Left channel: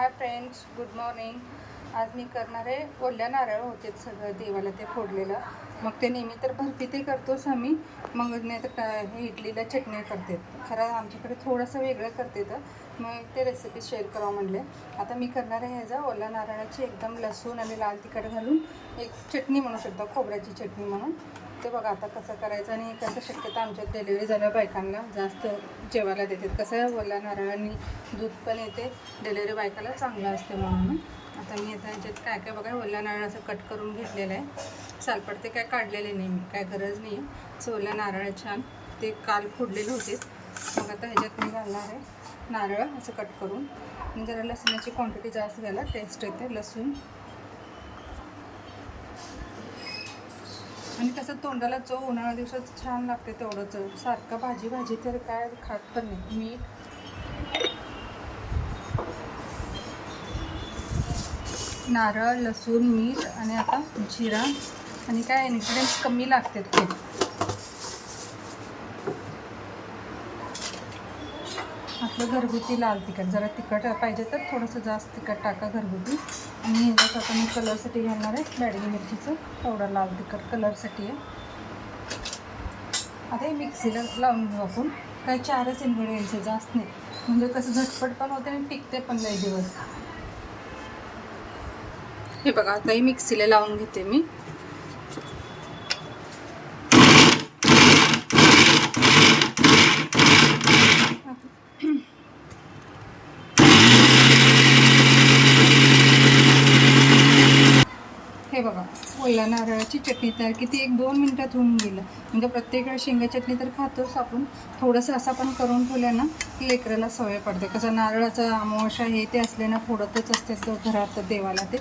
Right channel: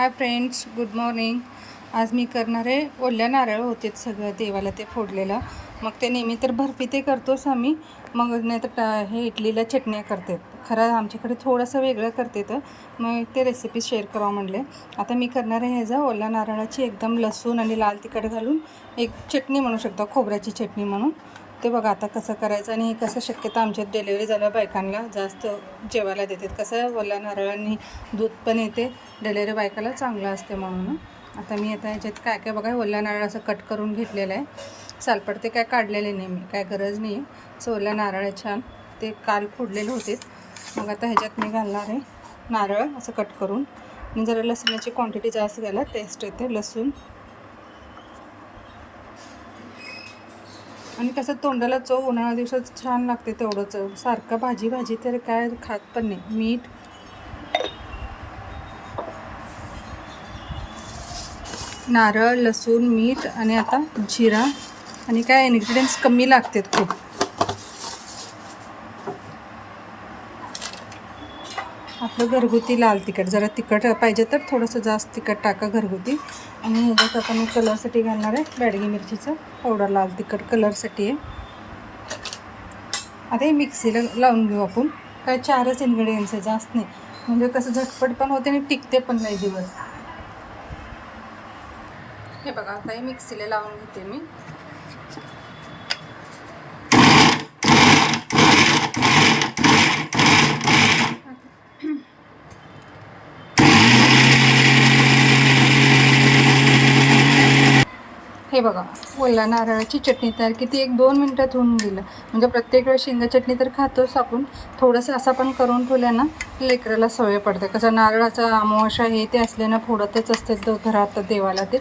Hi friends, good morning. आज मी करणार आहे ओल्या नारळ होते सगळं देवाला ते फोडलेलं. मग ते नेहमी तर बर्फी ते करतोच आम्ही, मग नाही तर हे इडलीला चटण्या करतात. खरं आमच्याकडे थोडंसं वेगळं करते तर मग ते रेसिपी शेअर करावं म्हणले. आता मी करणार आहे ह्याचा ओल्या नारळाची एकदम लसूण आणि लाल तिखट घालून एक चटणी म्हणू शकता, खोबऱ्याची चटणी म्हणून. ते बघा आता कसं करायचं आणि हे कसं शक्यता आमच्यात डिलेवरी झाल्या बायकांना जास्त जेवायला देतात. कसं ओल्या नारळांनी दूध पण येते, डिलेवरी बायकाला चांगलं असते म्हणून. आता मी आता ह्याच्यात काय काय बघा ओल्या नारळ असं कट करून घेतलेलं आहे. सालपट ते काय काढलेले नाही मी, काय गरज नाही आहे. सो ओल्या नारळ छान ते काल फोडलेले होते. मग आता ह्याच्यात मी घालणार आहे नारळ असं कट करून. आणि जरा लसणाची क्वांटिटी जास्त घ्यायला टेस्ट येते. लसूण आणि कसं तोंडाला चव उन्हाळ्या दिवसात छान लागते तेवढं चव. सारखं भाजी तर काय खात पण नाही. मीठ, नारळ, लसूण, मीठ आणि आता जिरा आणि काय इन्ग्रेडियंट्स कमी लागतात खूप. आपलं घरगुती लाल तिखट, जरा तिखट पाहिजे तर थोडंसं जास्त तिखट टाका घरगुती. आणि ह्याच्यात आता मी कलरसाठी घालणार आहे बॅडगी मिरचीचं पावडर, लाल तिखट कलरसाठी आहे. आता हे मिक्सीला लावून घेऊ आपण. काय 4च इन्ग्रेडियंट्स आहे, जास्त नाही. म्हणजे कसं झटपट पण होते आणि टिकते पण नाही दिवस. हे बघा आता हे मिक्सीला लावून घेते मी. हे बघा ओल्या नारळाची चटणी तयार. किती 1-2 मिनटात होऊन गेलं. म्हणजे प्रत्येक वेळेस शेंगा चटणी तर खातोच आपण, थोडंसं असं पण करून ठेवलं ना लेकराला सवय पडते. कसं नारळाचा अमावस्या हे ते असले ना फोडतच असते तो घरात देवाला ते.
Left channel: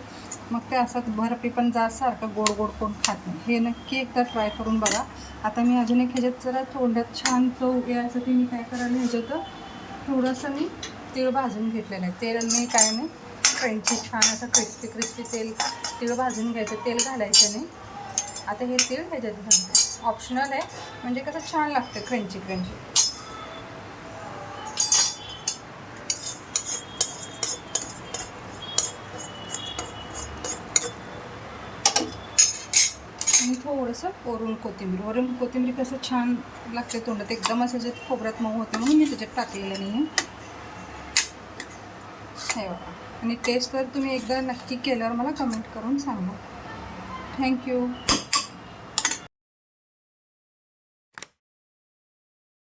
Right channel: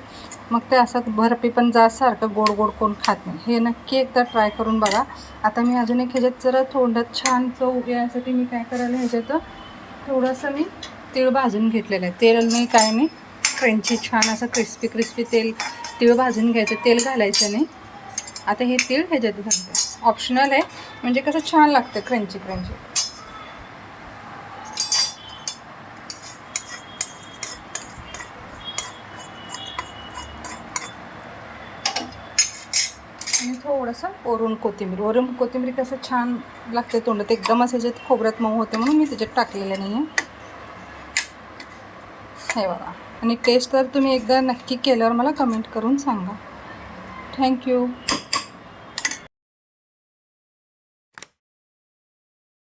मग ते असं बर्फी पण जास्त सारखं गोड गोड कोण खात नाही. हे नक्की एकदा ट्राय करून बघा. आता मी अजून एक ह्याच्यात जरा तोंडात छान चव यासाठी मी काय करायला ह्याच्यात थोडंसं मी तीळ भाजून घेतलेलं आहे. तेल मी काय नाही क्रंची छान असं क्रिस्पी तीळ भाजून घ्यायचं, तेल घालायचं नाही. आता हे तीळ ह्याच्यात घालते, ऑप्शनल आहे, म्हणजे कसं छान लागतं क्रंची. आणि थोडंसं वरून कोथिंबीर कसं छान लागते तोंडात, एकदम असं जे खोबऱ्यात मऊ होते म्हणून मी त्याच्यात टाकलेलं नाही आहे. हे बघा. आणि टेस्ट तर तुम्ही एकदा नक्की केल्यावर मला कमेंट करून सांगा. थँक्यू.